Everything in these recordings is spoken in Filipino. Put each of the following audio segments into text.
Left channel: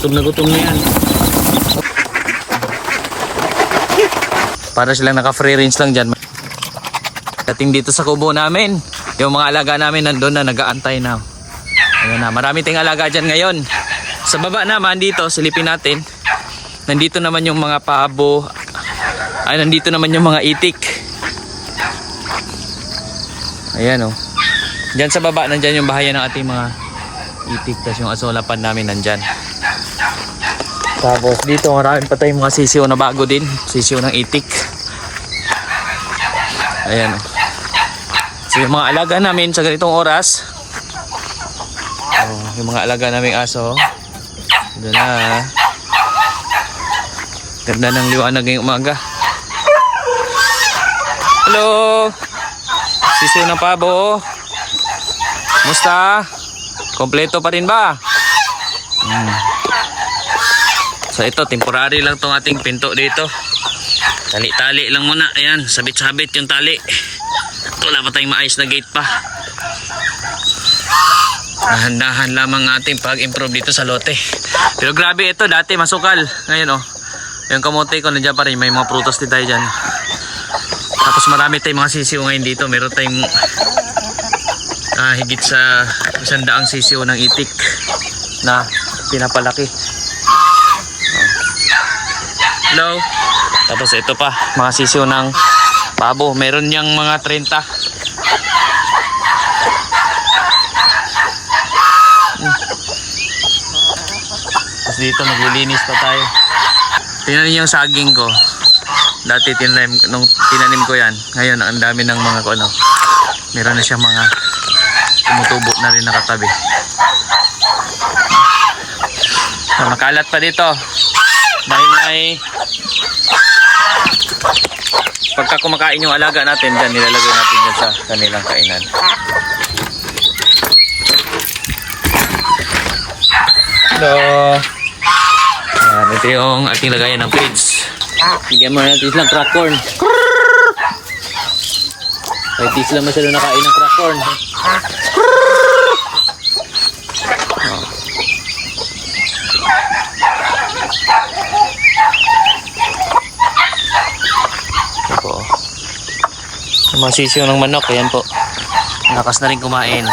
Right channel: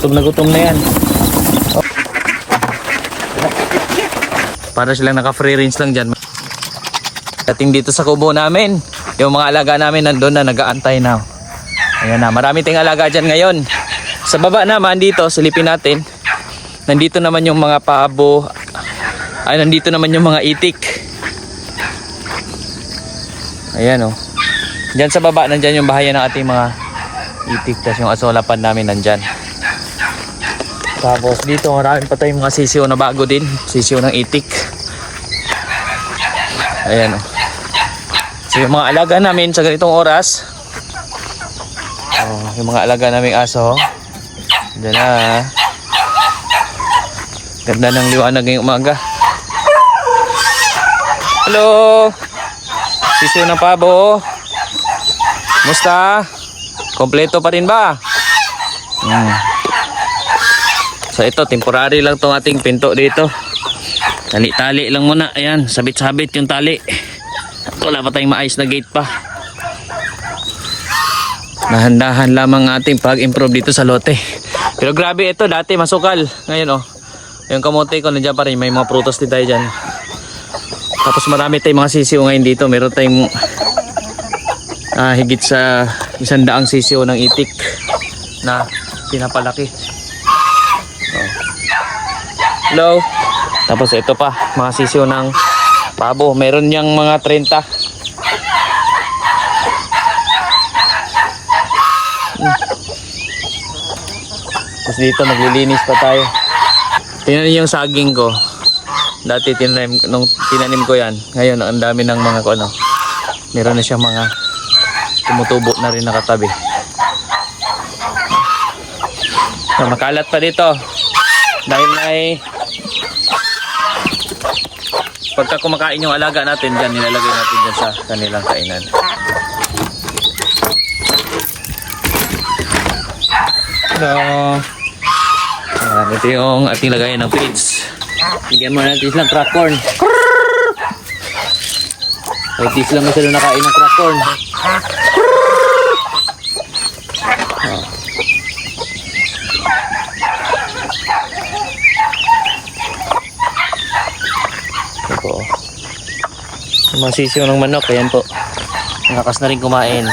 gutom na yan. Para silang naka free range lang dyan. Dating dito sa kubo namin, yung mga alaga namin nandun na nag-aantay na. Ayan na, marami tayong alaga dyan ngayon. Sa baba naman dito, silipin natin. Nandito naman yung mga pabo. Ay, nandito naman yung mga itik. Ayan o. Diyan sa baba, nandyan yung bahayan ng ating mga itik. Tapos yung asolapan namin nandyan. Tapos dito marami pa tayong mga sisiyo na bago din. Sisiyo ng itik. Ayan o. So yung mga alaga namin sa ganitong oras, yung mga alaga naming aso, doon na. Ganda ng liwanag ngayong umaga. Hello, sisiyo ng pabo. Musta? Kompleto pa rin ba? So ito, temporary lang tong ating pinto dito. Tali lang muna. Ayan, sabit-sabit yung tali. At wala pa tayong maayos na gate pa. Nahandahan lamang ating pag-improve dito sa lote. Pero grabe ito, dati masukal. Ngayon oh, yung kamote ko nandiyan pa rin. May mga prutas din tayo dyan. Tapos marami tayong mga sisiyo ngayon dito. Meron tayong higit sa 100 sisiyo ng itik na pinapalaki. Hello. Tapos ito pa, mga sisiyo ng pabo. Meron niyang mga 30. Tapos dito maglilinis pa tayo. Tingnan niyo yung saging ko. Dati nung tinanim ko yan. Ngayon ang dami ng mga ano. Meron na siyang mga tumutubo na rin nakatabi. So, makalat pa dito. Dahil may pagka kumakain yung alaga natin dyan, nilalagay natin dyan sa kanilang kainan. Hello. Ayan, ito yung ating lagayan ng feeds. Bigyan mo natin silang crack corn. Kahit di sila masyado nakain ng crack corn. Oh. Ito po. Yung mga sisiyo ng manok, ayan po. Lakas na rin kumain.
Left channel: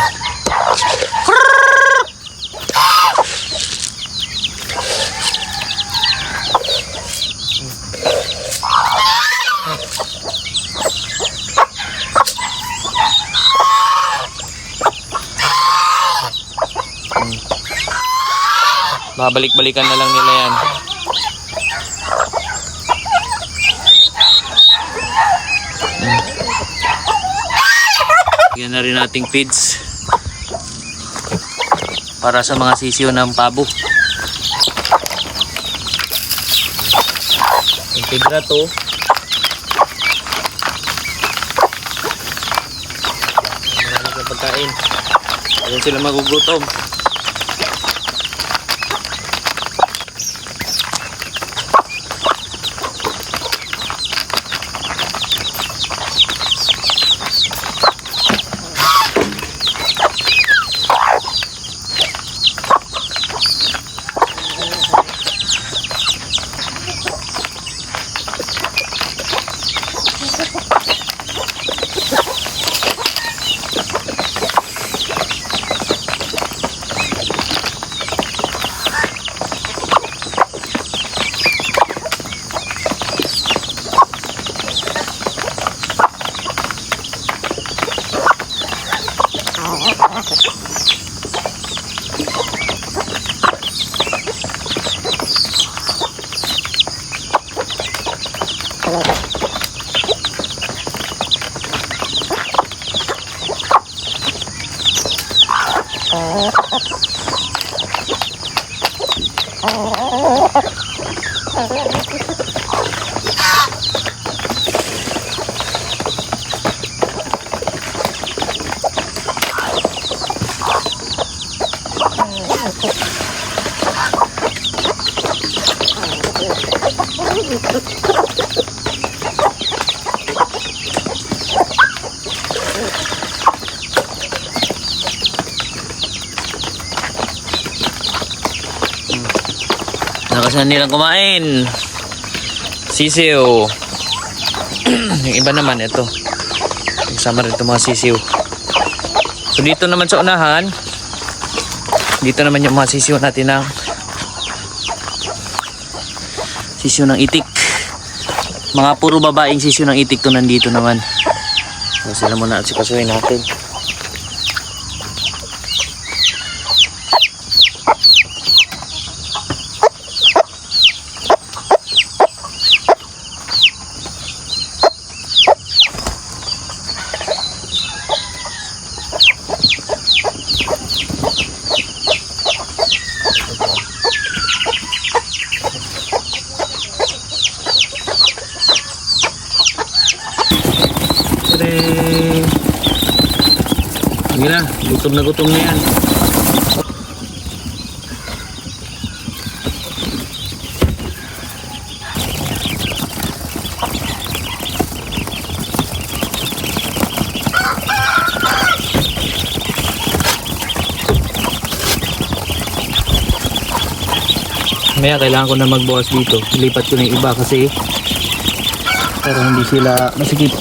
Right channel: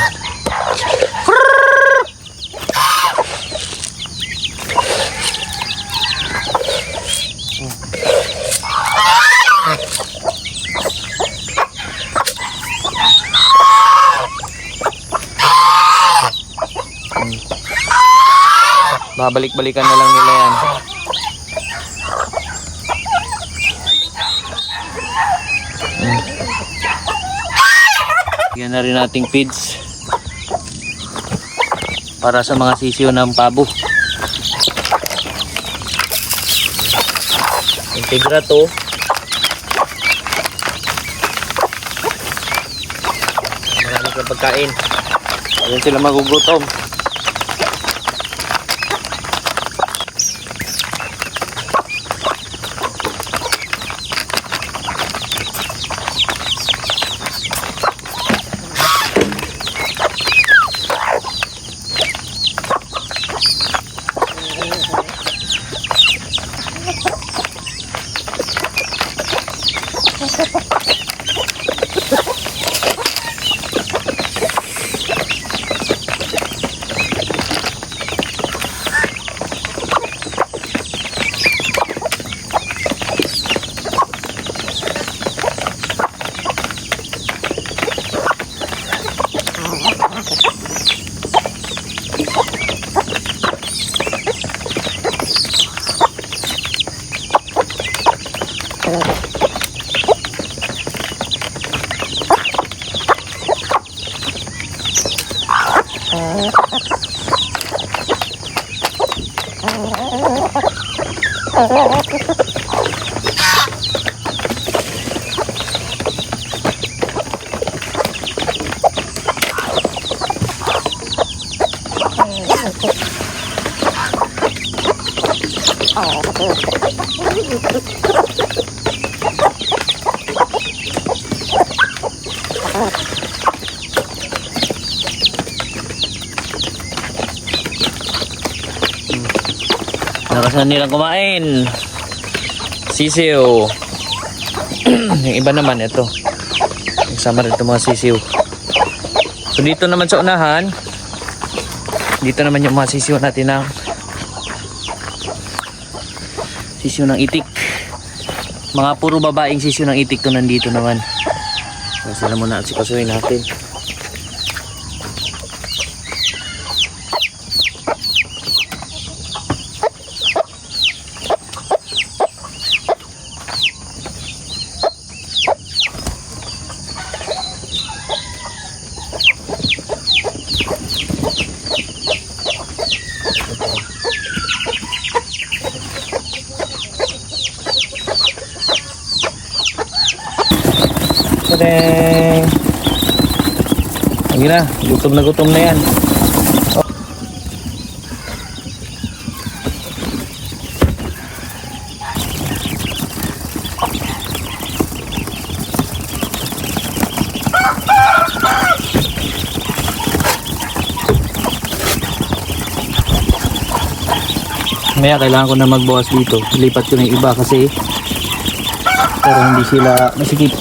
Babalik-balikan na lang nila yan. Yan na rin nating feeds para sa mga sisiyo ng pabo. Integra to. Marami sa pagkain. Ayun sila magugutom. Lakas na nilang kumain. Sisiw. Yung iba naman ito. Nagsama rin itong mga sisiw. So dito naman sa unahan, dito naman yung mga sisiw natin ng sisiw ng itik. Mga puro babaeng sisiw ng itik to nandito naman. So sila muna at sikasuhin natin. Sige na, gutom na yan. Maya kailangan ko na magbawas dito. Ilipat ko na yung iba kasi para hindi sila masikip.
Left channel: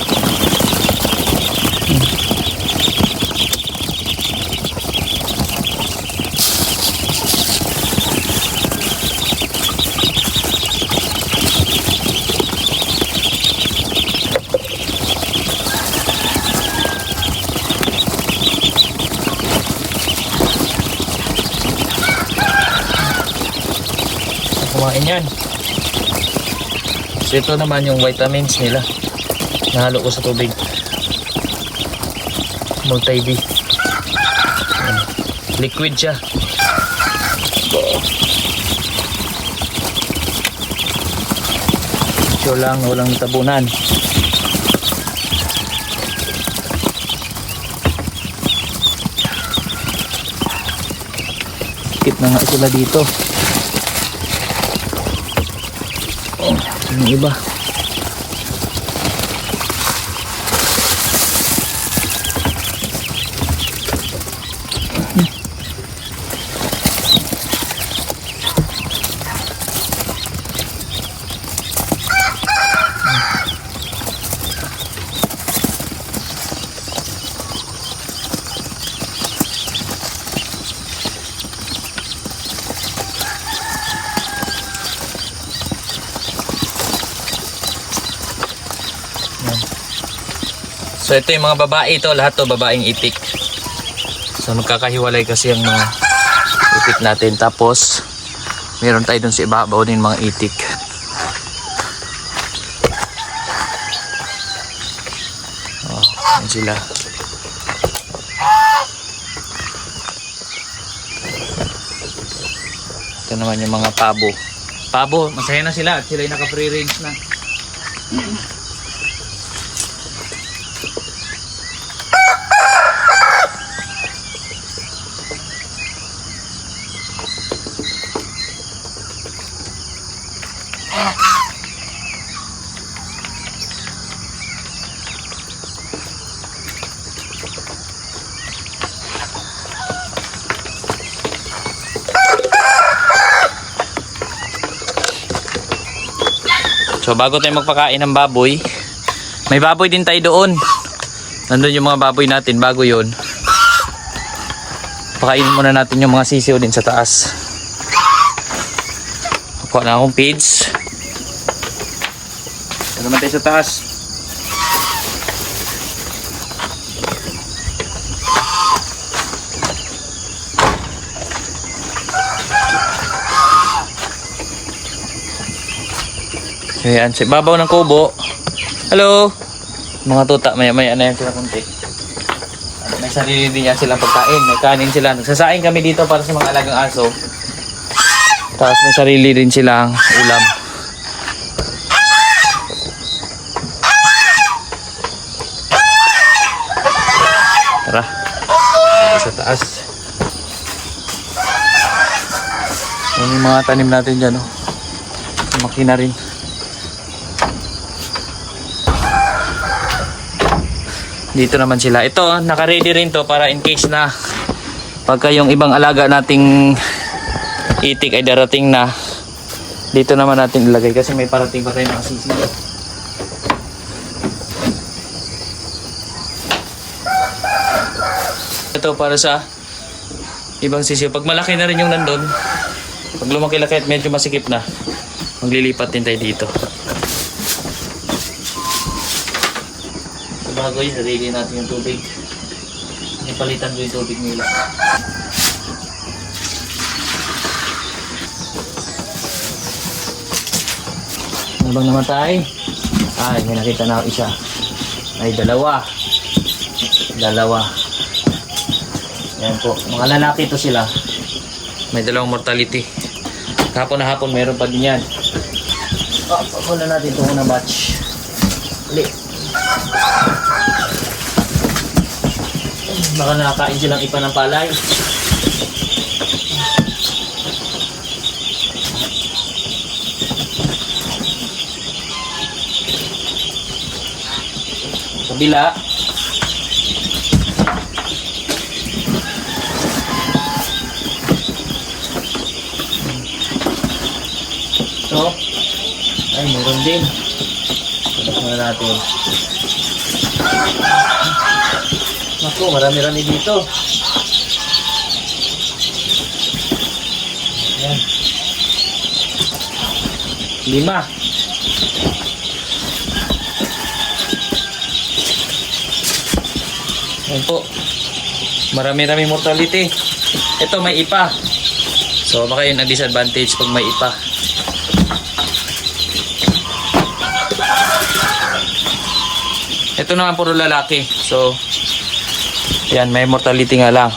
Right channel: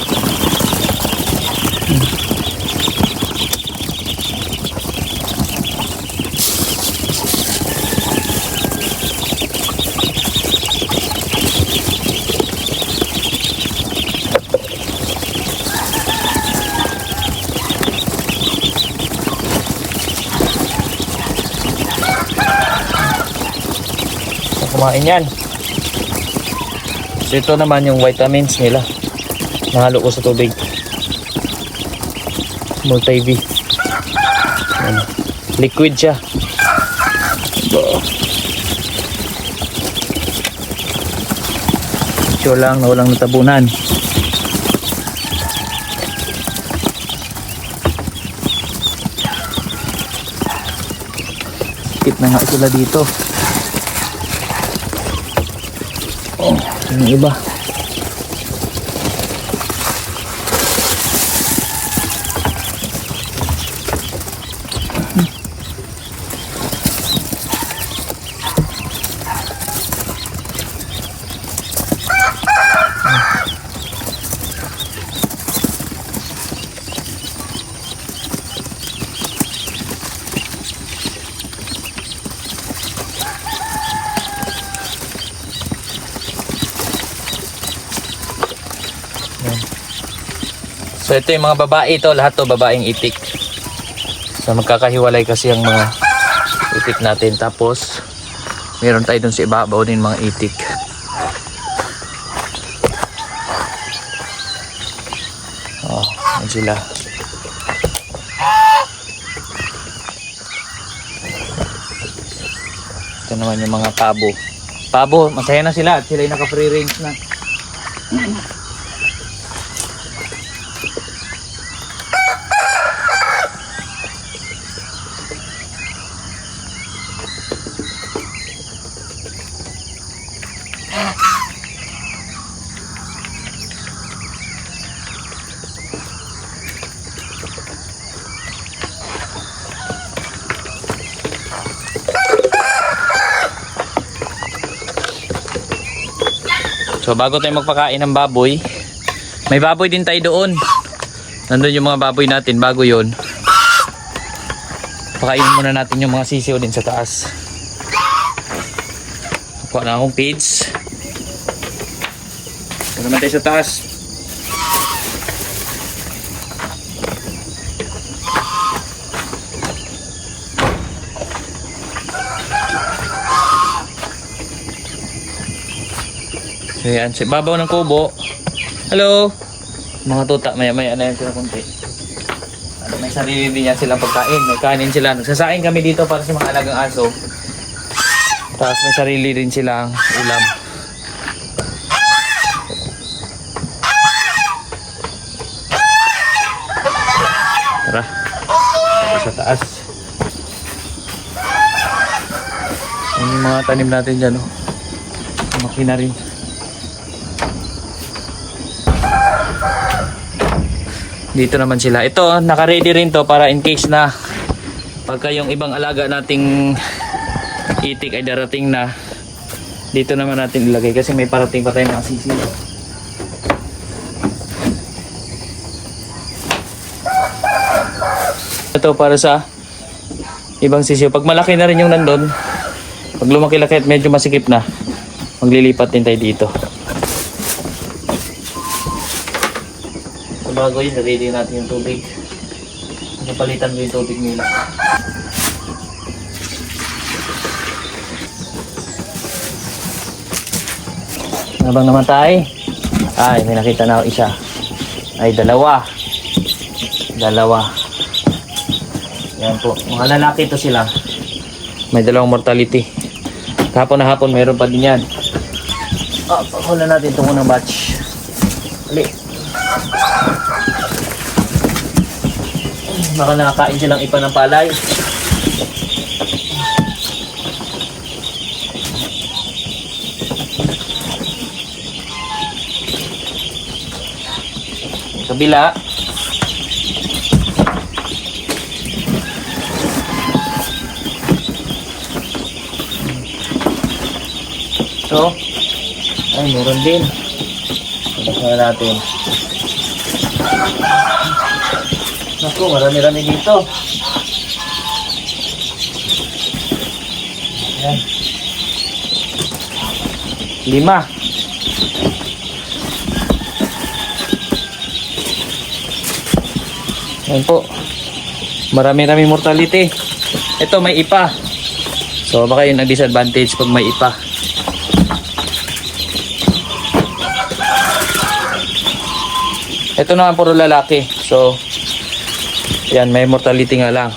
Kumain yan. So ito naman yung vitamins nila. Nahalo ko sa tubig. Multi-V. Liquid siya. So lang, walang tabunan. Skip na nga sila dito. Oh, yung iba. So ito yung mga babae ito, lahat to babaeng itik. So magkakahiwalay kasi ang mga itik natin. Tapos meron tayo dun sa ibabaw din mga itik. Oh, yan sila. Ito naman yung mga pabo. Pabo, masaya na sila at sila yung naka-free range na. So bago tayo magpakain ng baboy, may baboy din tayo doon. Nandun yung mga baboy natin, bago yun. Pakainin muna natin yung mga sisiw din sa taas. Kuha na akong feeds. Ito naman tayo sa taas. Ayan, si babaw ng kubo. Hello. Mga tuta, maya-maya na yan sila kunti. May sarili din yan silang pagkain. May kanin sila. Nagsasaing kami dito para sa mga alagang aso. Tapos may sarili din silang ulam. Tara. Ito sa taas. Ayan yung mga tanim natin dyan, oh. Makina rin. Dito naman sila. Ito, naka-ready rin to para in case na pagka yung ibang alaga nating itik ay darating na, Dito naman natin ilagay kasi may parating pa tayo ng sisi. Ito para sa ibang sisiyo. Pag malaki na rin yung nandun, pag lumaki-laki at medyo masikip na, maglilipat din tayo dito. So bago yun, nalili natin yung tubig. Palitan ko yung tubig nila. Habang namatay, ay may nakita na ako isa. Ay dalawa. Yan po, mga lalaki to sila. May dalawang mortality. Hapon na hapon mayroon pa din yan. Pakulan natin ito muna batch. Ulit. Baka nakakain silang ipa ng palay. Kabila. So, ay meron din. Pagkakala natin. Naku, marami-rami dito. Ayan. 5. Ayan po. Marami-rami mortality. Ito may ipa. So baka yun ang disadvantage pag may ipa. Ito naman puro lalaki. So yan, may mortality nga lang.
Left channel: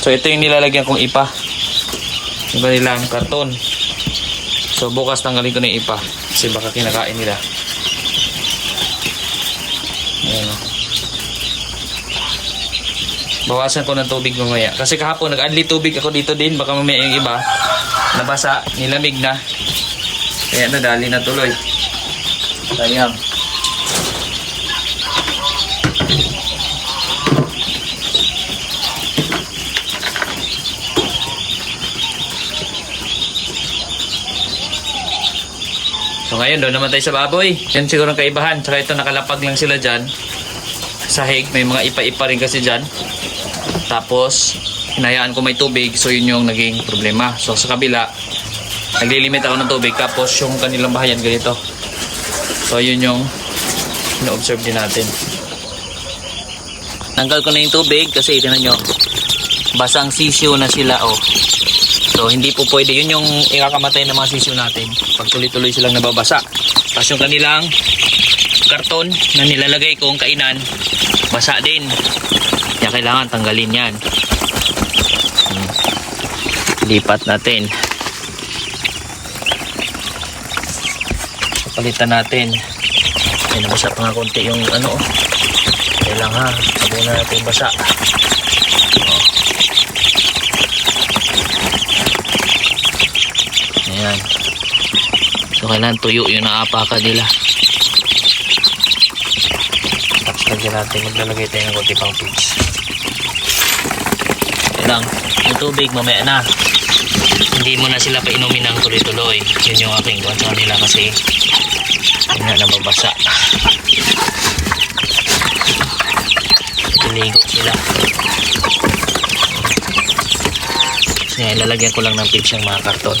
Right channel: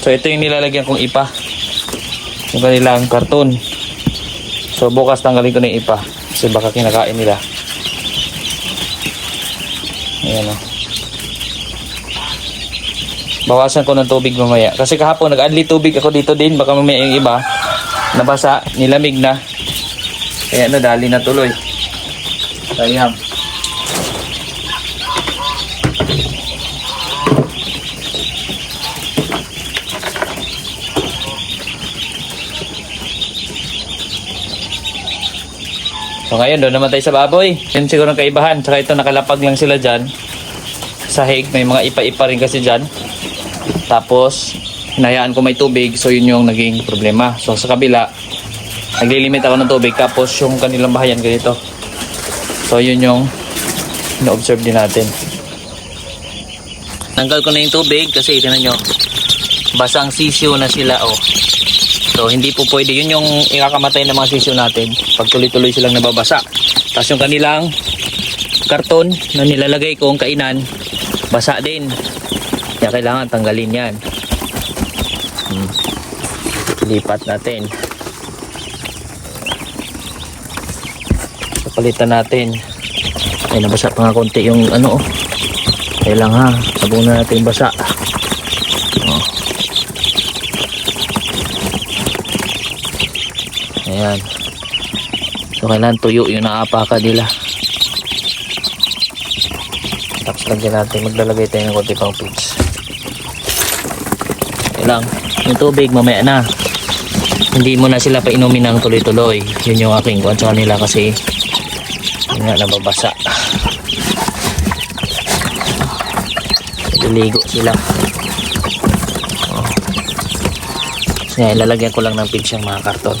So ito yung nilalagyan kong ipa. Yung kanilang karton. So bukas tanggalin ko na yung ipa. Kasi baka kinakain nila. Ayan o. Bawasan ko ng tubig mamaya. Kasi kahapon nag-adli tubig ako dito din. Baka mamaya yung iba nabasa, nilamig na. Kaya nadali na tuloy. Ayan. So ngayon doon naman tayo sa baboy. Yan siguro ang kaibahan. Tsaka ito nakalapag lang sila dyan. Sahig, may mga ipa-ipa rin kasi dyan. Tapos hinayaan ko may tubig. So yun yung naging problema. So sa kabila, naglilimit ako ng tubig. Tapos yung kanilang bahayan ganito. So yun yung na-observe din natin. Tanggal ko na yung tubig kasi tingnan nyo, basang sisiyo na sila oh. So hindi po pwede, yun yung ikakamatay ng mga sisiyo natin pag tuloy-tuloy silang nababasa. Tapos yung kanilang karton na nilalagay kong kainan, basa din. Kaya kailangan tanggalin yan. Lipat natin. So, palitan natin. Ay, nabasa pa nga konti yung ano oh. Kailangan sabunan natin basa. Ayan. So kailangan tuyo yung naapaka nila. Tapos lagyan natin, maglalagay tayo ng konti pang pigs. Kailang yung tubig mamaya na. Hindi mo na sila painumin ng tuloy-tuloy. Yun yung aking kuwan sa kanila kasi yun nga nababasa. Iligo sila. So lalagyan ko lang ng pigs yung mga karton.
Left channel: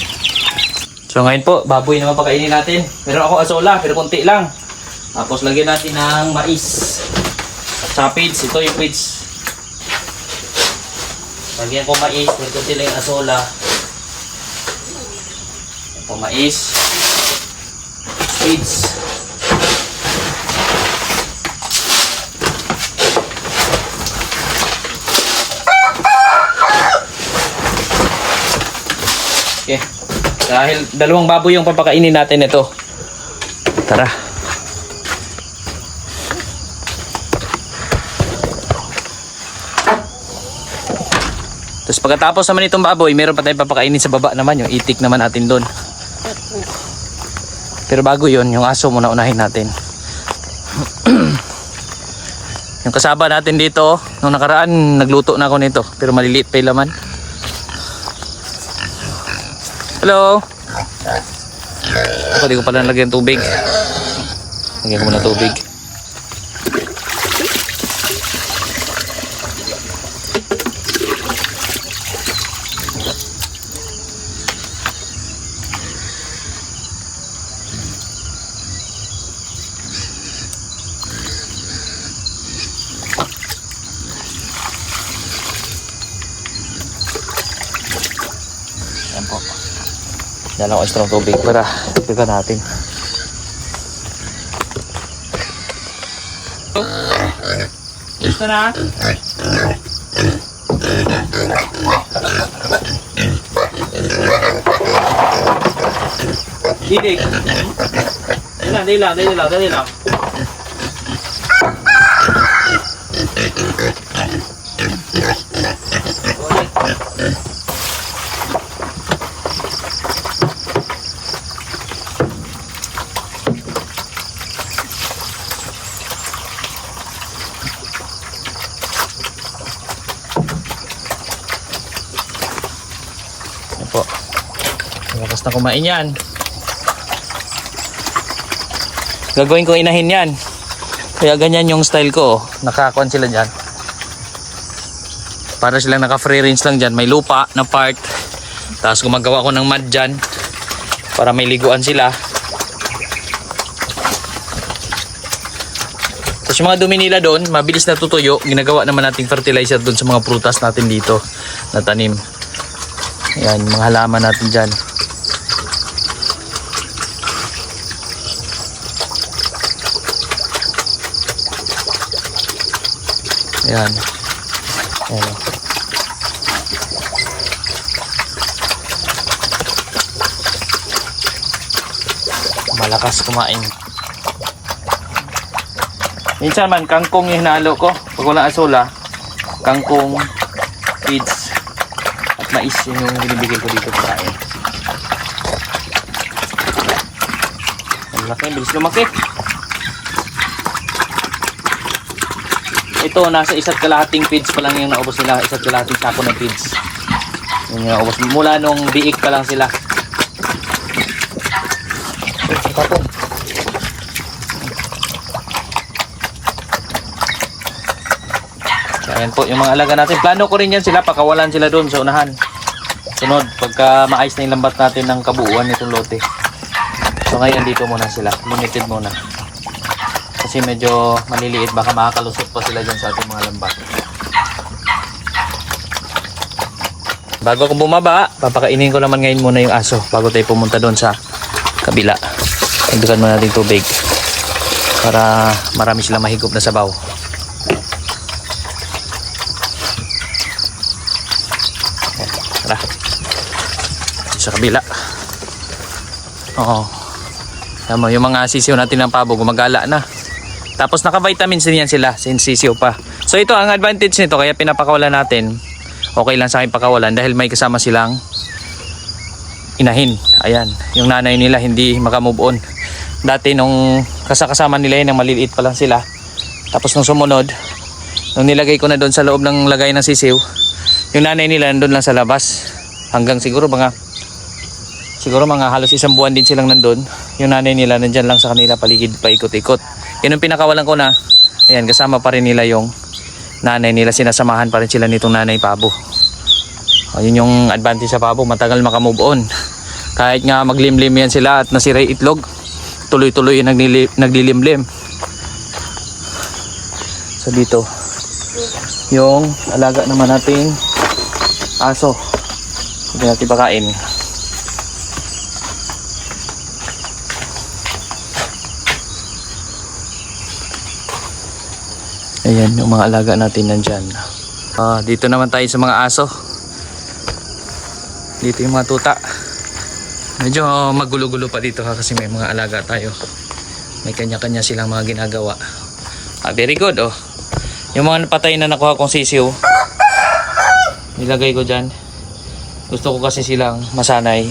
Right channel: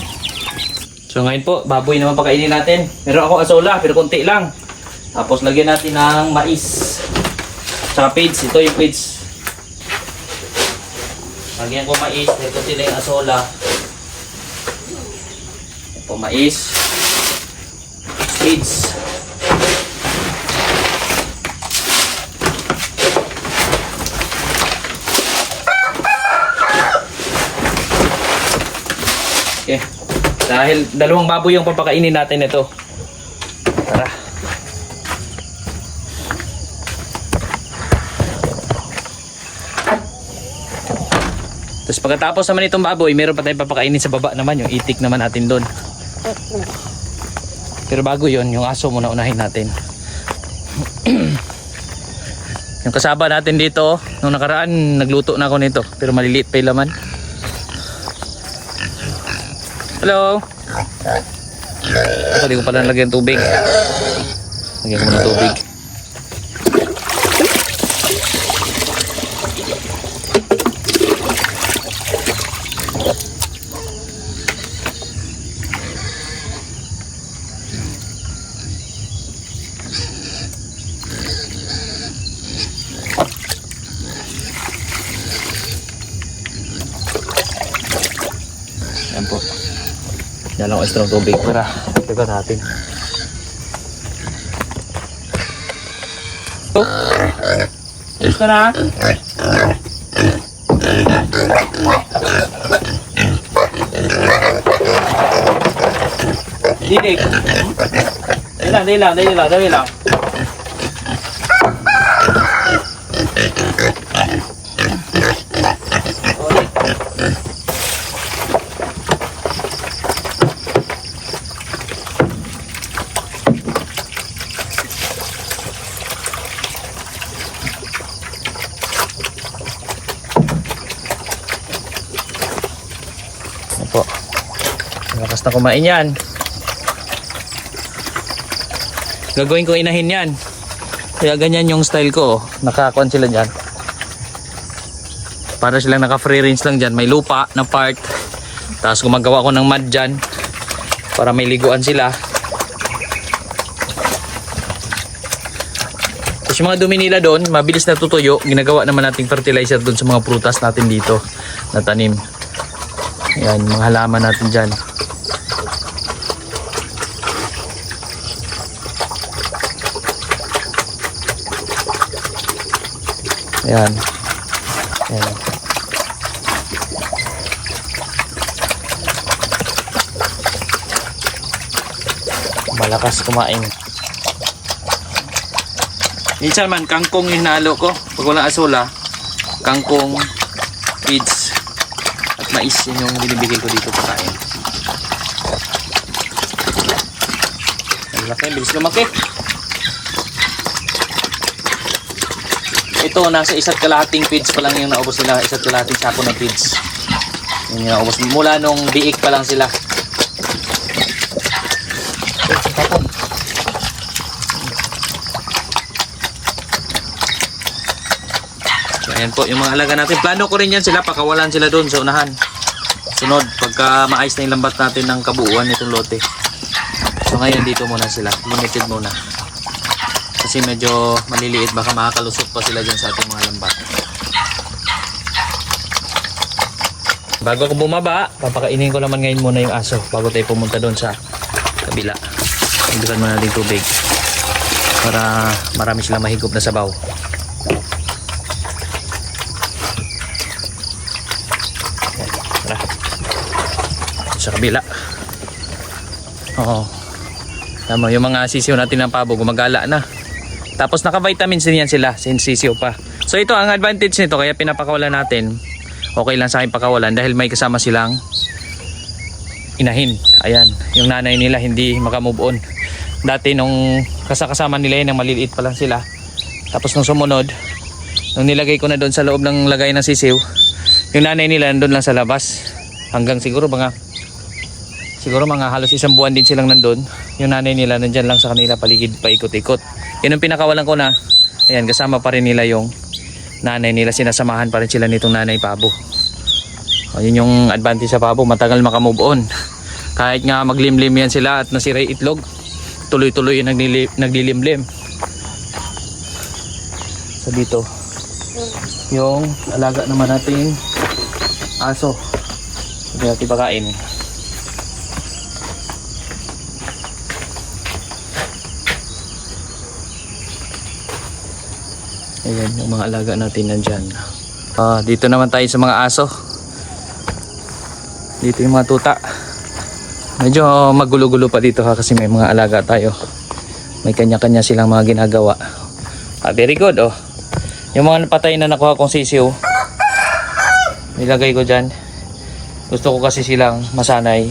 So ngayon po, baboy naman pagkainin natin. Meron ako asola, pero konti lang. Tapos lagyan natin ng mais. Tsaka pigs, ito yung pigs. Lagyan ko mais, ito sila yung asola. Ito mais. Pigs. Okay. Dahil dalawang baboy yung papakainin natin ito. Tara. Tapos pagkatapos naman itong baboy, meron pa tayong papakainin sa baba naman. Yung itik naman natin doon. Pero bago yon, yung aso muna unahin natin. Yung kasaba natin dito, nung nakaraan, nagluto na ako nito. Pero maliliit pa yung laman. Hello. Ako, di ko pala nalagyan ng tubig. Lagyan ko muna ng tubig. Yan po. Yan lang extra ng tubig para tignan natin. Oh. Gusto na? Dinig. Dali lang. Po. Lakas na kumain yan. Gagawin ko inahin yan. Kaya ganyan yung style ko. Nakakuan sila dyan. Para silang naka free range lang dyan. May lupa na part. Tapos gumagawa ko ng mud dyan. Para may liguan sila. Tapos yung mga dumi nila doon, mabilis na tutuyo. Ginagawa naman nating fertilizer doon sa mga prutas natin dito na tanim. Ayan, mga halaman natin dyan. Ayan. Ayan. Malakas kumain. Minsan man, kangkong yung hinalo ko. Pag walang asula, kangkong, feeds, mais, yun yung binibigay ko dito pagkain. Ang laki, bilis lumaki. Ito, nasa isa't kalahating feeds pa lang yung naubos nila. Isa't kalahating sako ng feeds. Yung naubos. Mula nung biik pa lang sila. Tapon. So, ayan po yung mga alaga natin. Plano ko rin yan sila, pakawalan sila doon sa unahan. Sunod, pagka maayos na yung lambat natin ng kabuuan nitong lote. So ngayon dito muna sila, limited muna. Kasi medyo maliliit, baka makakalusot pa sila dyan sa ating mga lambat. Bago ako bumaba, papakainin ko naman ngayon muna yung aso bago tayo pumunta doon sa kabila. Indukan muna natin tubig para marami silang mahigop na sabaw. Tara. Sa kabila. Oo. Tama, yung mga sisiyo natin ng pabo gumagala na. Tapos naka-vitamins din yan sila, since sisiyo pa. So ito ang advantage nito, kaya pinapakawalan natin. Okay lang sa akin pakawalan dahil may kasama silang inahin. Ayan, yung nanay nila hindi makamove on. Dati nung kasama nila yun, nang maliliit pa lang sila. Tapos nung sumunod, nung nilagay ko na doon sa loob ng lagay ng sisiyo, yung nanay nila nandun lang sa labas. Hanggang siguro mga halos isang buwan din silang nandun. Yung nanay nila nandyan lang sa kanila paligid, paikot-ikot. Yun yung pinakawalan ko na. Ayan, kasama pa rin nila yung nanay nila. Sinasamahan pa rin sila nitong nanay pabo. Yun yung advantage sa pabo, matagal makamove on. Kahit nga maglimlim yan sila at nasira yung itlog, tuloy-tuloy yung naglilimlim. So dito, yung alaga naman nating aso. Hindi natin pakain. Ayan yung mga alaga natin nandyan. Dito naman tayo sa mga aso. Dito yung mga tuta. Medyo magulo-gulo pa dito ha, kasi may mga alaga tayo. May kanya-kanya silang mga ginagawa. Very good oh. Yung mga patay na nakuha kong sisiyo, nilagay ko dyan. Gusto ko kasi silang masanay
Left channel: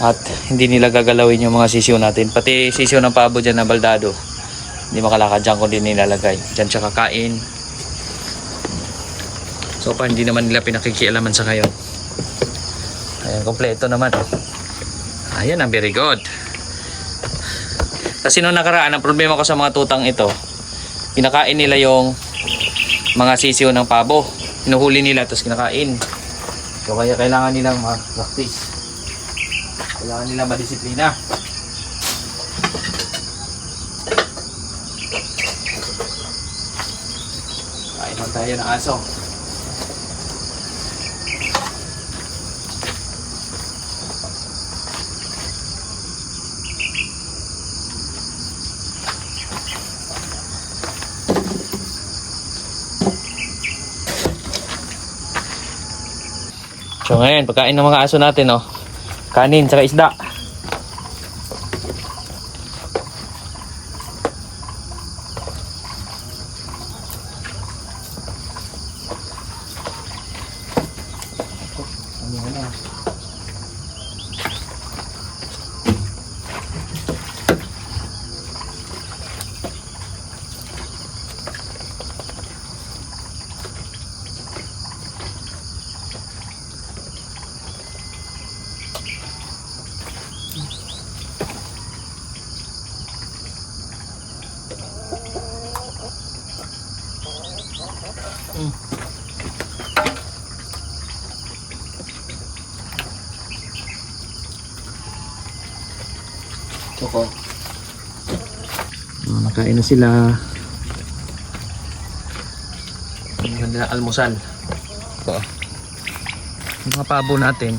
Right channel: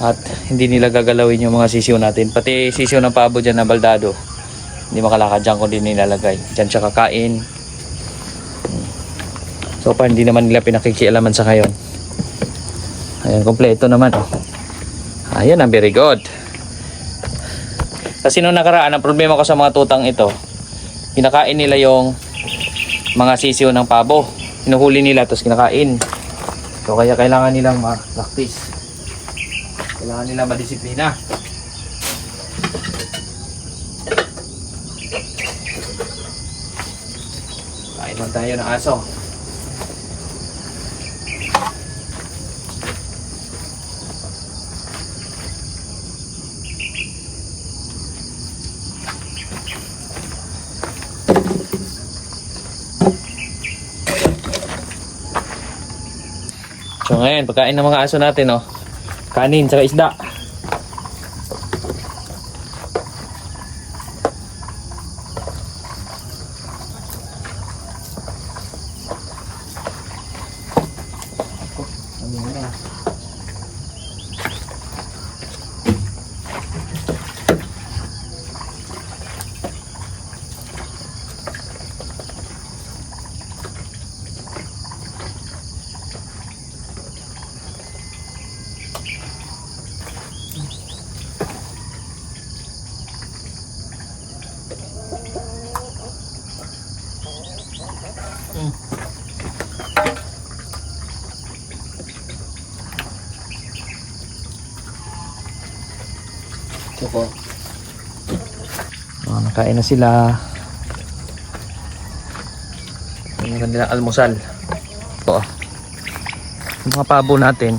at hindi nila gagalawin yung mga sisiyo natin. Pati sisiyo ng pabo dyan na baldado, hindi makalakad dyan ko din nilalagay. Dyan siya kakain. So pa hindi naman nila pinakikialaman sa ngayon. Ayan, kompleto naman. Ayan ang very good. Kasi nung nakaraan, ang problema ko sa mga tutang ito, kinakain nila yung mga sisiw ng pabo. Hinuhuli nila tapos kinakain. So kaya kailangan nilang ma-practice. Kailangan nilang madisiplina. Kain lang tayo ng aso. So ngayon, pagkain ng mga aso natin, oh. Kanin, tsaka isda. Choco. Oh, nakain na sila. Yung kanilang almusal. Ito. Yung mga pabo natin.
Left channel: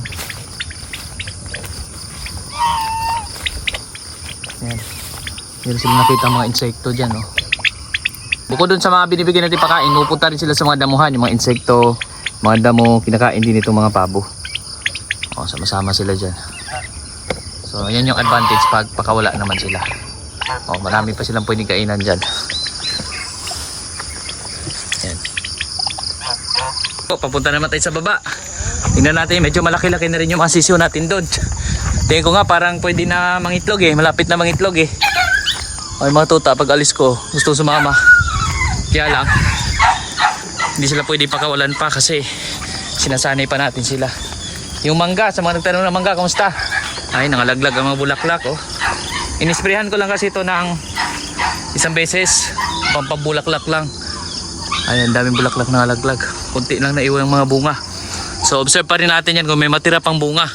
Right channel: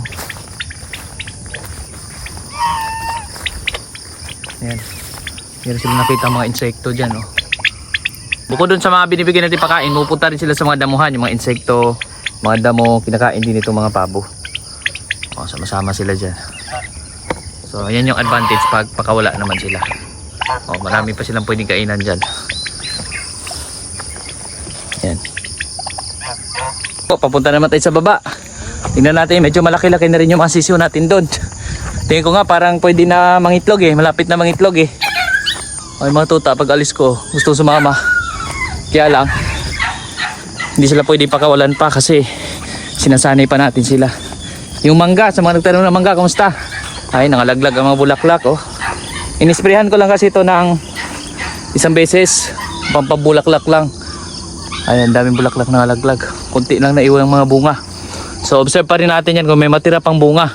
Ayan. Yan sila nakita mga insekto dyan. Oh. Bukod dun sa mga binibigyan natin pakain, pupunta rin sila sa mga damuhan. Yung mga insekto, mga damo, kinakain din itong mga pabo. Oh, sama-sama sila dyan. So, yan yung advantage pag pakawala naman sila. Oh, marami pa silang pwedeng kainan dyan. Ayan. Oh, papunta naman tayo sa baba. Tingnan natin, medyo malaki-laki na rin yung mga sisiw natin doon. Tingin ko nga parang pwede na mangitlog eh. Malapit na mangitlog eh. Ay, mga tuta, pag alis ko, gusto sumama. Kaya lang, hindi sila pwede pakawalan pa kasi sinasanay pa natin sila. Yung mangga, sa mga nagtanong ng mangga, kumusta? Ay, nangalaglag ang mga bulaklak, oh. Inisprehan ko lang kasi ito ng isang beses. Pampabulaklak lang. Ayan, daming bulaklak na nalaglag. Kunti lang naiwan ng mga bunga. So, observe pa rin natin yan kung may matira pang bunga.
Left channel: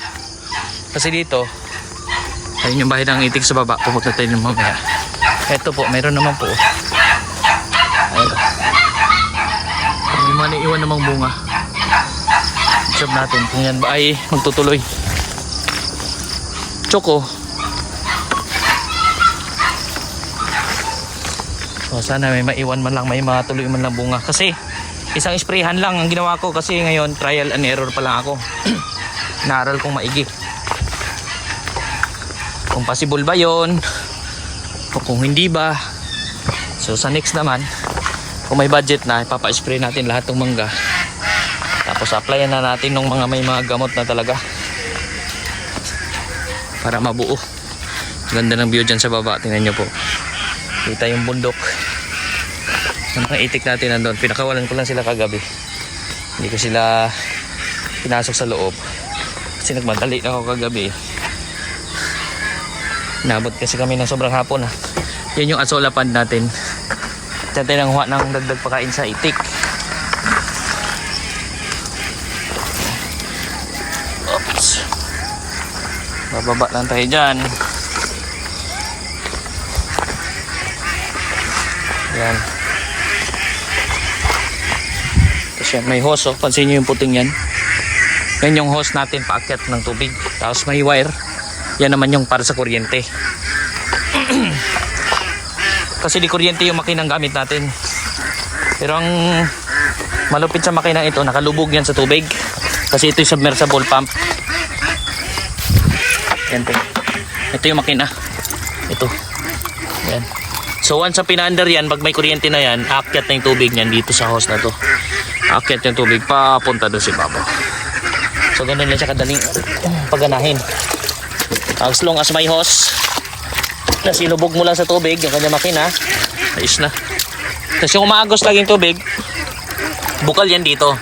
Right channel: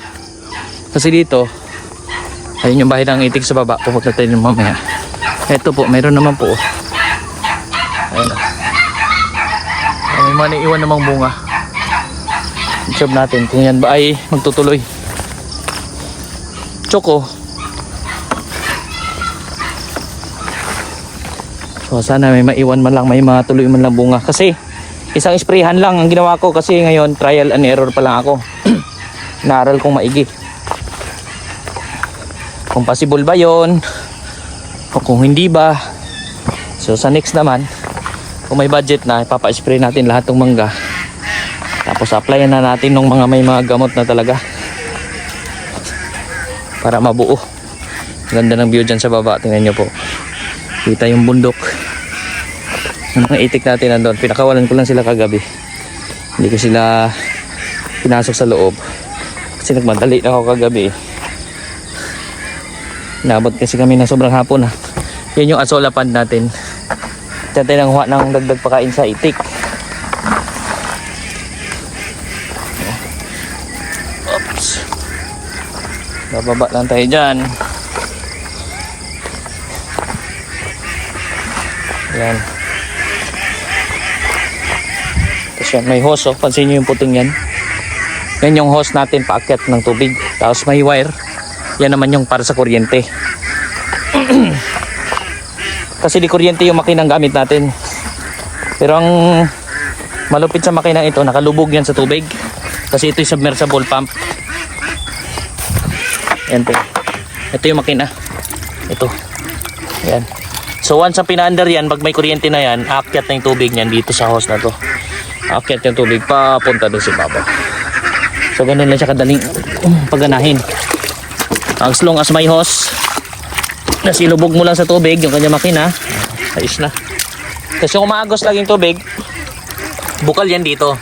Kasi dito, ayun yung bahay ng itik sa baba. Pupunta tayo ng mamaya. Ito po, mayroon naman po. Ayan, oh. May mga naiwan namang bunga. Observe natin kung yan ba ay magtutuloy. Choco. So sana may maiwan man lang, may mga tuloy man lang bunga. Kasi isang sprayhan lang ang ginawa ko kasi ngayon trial and error pa lang ako. Naaral kong maigi. Kung possible ba yon o kung hindi ba. So sa next naman, kung may budget na, ipapa-spray natin lahat ng mangga. Tapos applyan na natin ng mga may mga gamot na talaga. Para mabuo. Ganda ng view dyan sa baba. Tingnan nyo po. Kita yung bundok. Yung mga itik natin nandun. Pinakawalan ko lang sila kagabi. Hindi ko sila pinasok sa loob. Kasi nagmadali na ako kagabi. Nabot kasi kami na sobrang hapon. Yun yung asola pond natin. Diyan tayo nang huwa ng dagdag pakain sa itik. Oops. Bababa lang tayo dyan. Yan. Tapos yan, may hose, oh. Pansin nyo yung puting yan. Yan yung hose natin paakyat ng tubig. Tapos may wire. Yan naman yung para sa kuryente. Kasi di kuryente yung makinang gamit natin. Pero ang malupit sa makinang ito, nakalubog yan sa tubig. Kasi ito yung submersible pump. Ayan po. Ito yung makina. Ito. Ayan. So once sa pinaandar yan, pag may kuryente na yan, aakyat na yung tubig niyan dito sa hose na to. Aakyat yung tubig papunta doon si Baba. So ganun lang siya kadaling pagganahin. As long as may hose, na sinubog mo lang sa tubig, yung kanya makina, ayos na. Kasi kung maagos lang yung tubig, bukal yan dito.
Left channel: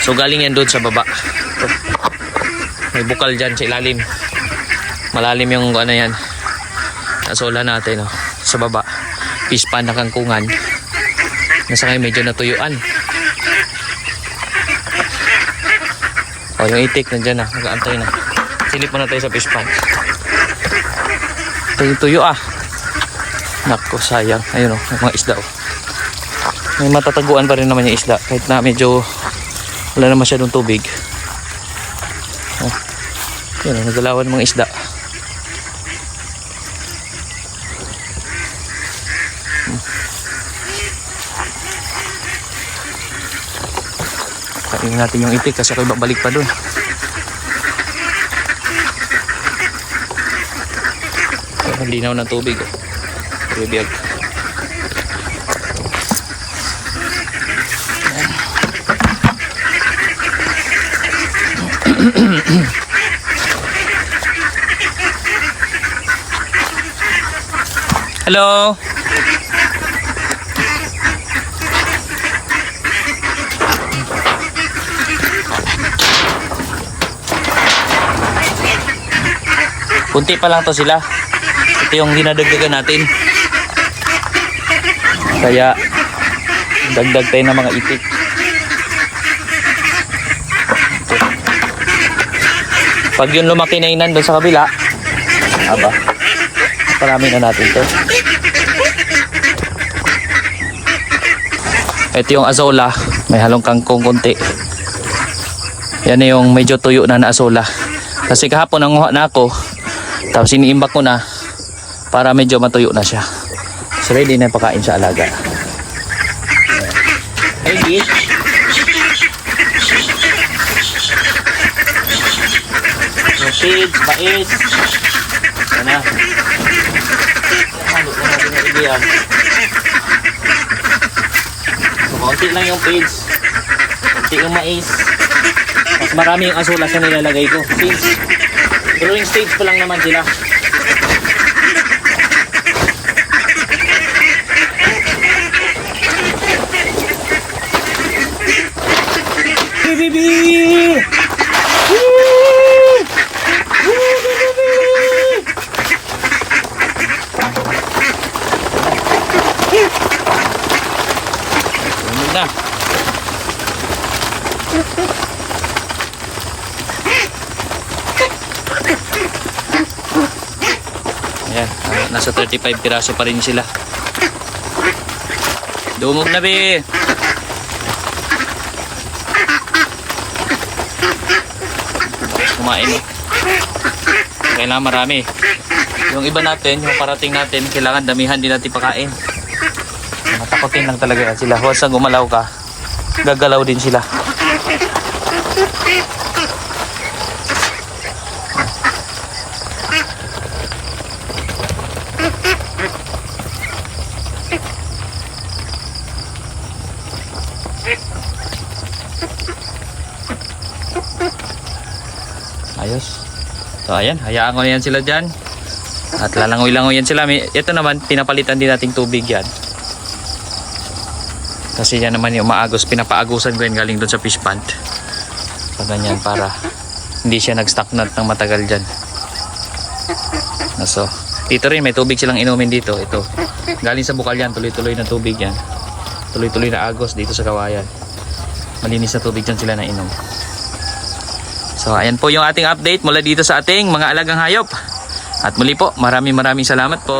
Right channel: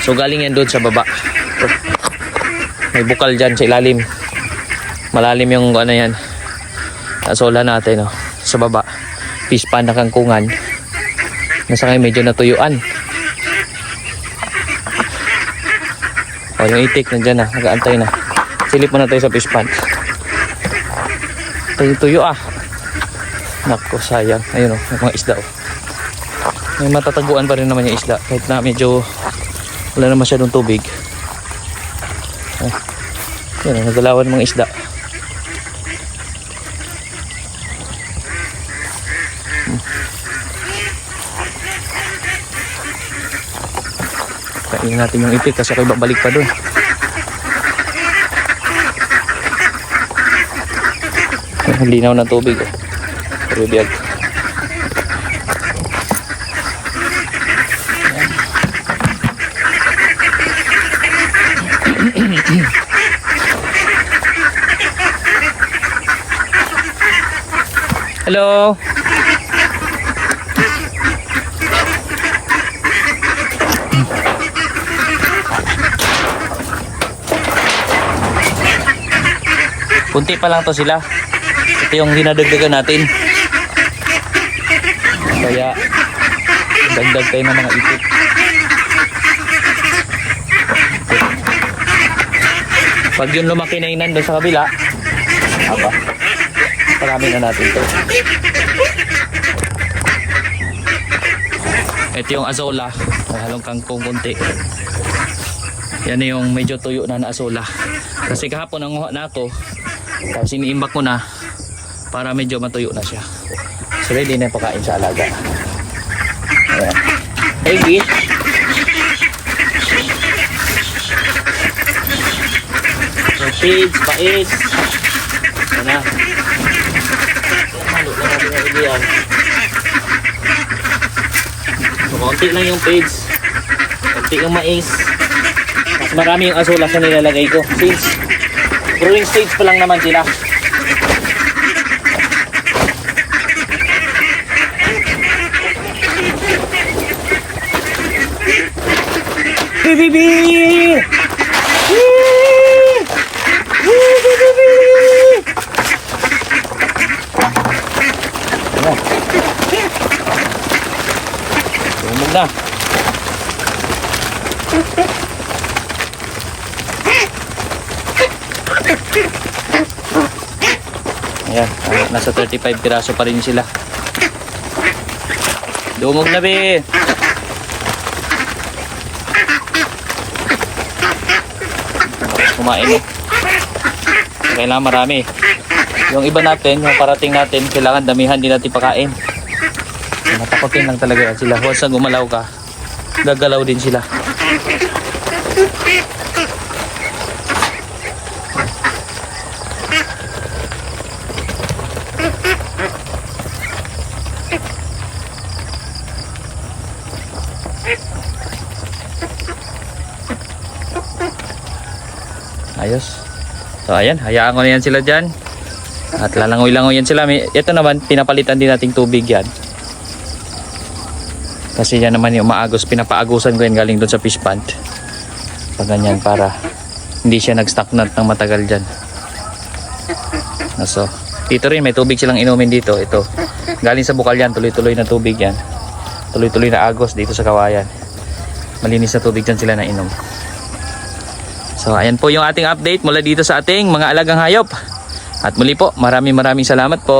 So galing yan doon sa baba. Ito. May bukal dyan sa ilalim. Malalim yung ano yan. Asola natin, oh. Sa baba. Fish pan na kangkungan. Nasa kayo medyo natuyuan. O, yung itik nandyan na. Nag-aantay na. Silip na tayo sa fish pan. Tuyo-tuyo ah. Nako, sayang. Ayun o, mga isda o. May matataguan pa rin naman yung isda. Kahit na medyo wala na masyadong tubig. Oh. Yan o, nagalawan mga isda. Kainin natin yung itik kasi ako ibabalik pa dun. Linaw ng tubig oh. Puribiyag. Hello. Kunti pa lang to sila. Ito yung dinadagdagan natin. Kaya dagdag tayo ng mga itik. Okay. Pag yung lumaki na inan doon sa kabila, aba, parami na natin to. Ito yung azola. May halong kangkong konti. Yan na yung medyo tuyo na azola. Kasi kahapon nanguha na ako. Tapos iniimbak ko na para medyo matuyo na siya. So ready na pakain sa alaga. Hey Git. So pigs, bait. Yan na. Halo na natin yung ibiyan. So konti lang yung pigs. Konti yung mais. Mas marami yung azola sa nilalagay ko. Since growing stage pa lang naman sila. Bibi! Tumog na. Ayan, nasa 35 piraso pa rin sila. Dumog na be. Kumain eh. Kailangan marami. Yung iba natin, yung parating natin, kailangan damihan din natin pakain. Matakotin lang talaga sila. Once na gumalaw ka, gagalaw din sila. Ayos. So ayan, hayaan ko na yan sila dyan. At lalangoy-langoy yan sila. Ito naman, pinapalitan din nating tubig yan. Kasi yan naman yung maagos. Pinapaagusan ko yan galing doon sa fish pond. Pag ganyan, para hindi siya nag-stagnant ng matagal dyan. So, dito rin may tubig silang inumin dito. Ito, galing sa bukal yan. Tuloy-tuloy na tubig yan. Tuloy-tuloy na agos dito sa kawayan. Malinis na tubig dyan sila na inom. So ayan po yung ating update mula dito sa ating mga alagang hayop. At muli po, maraming salamat po.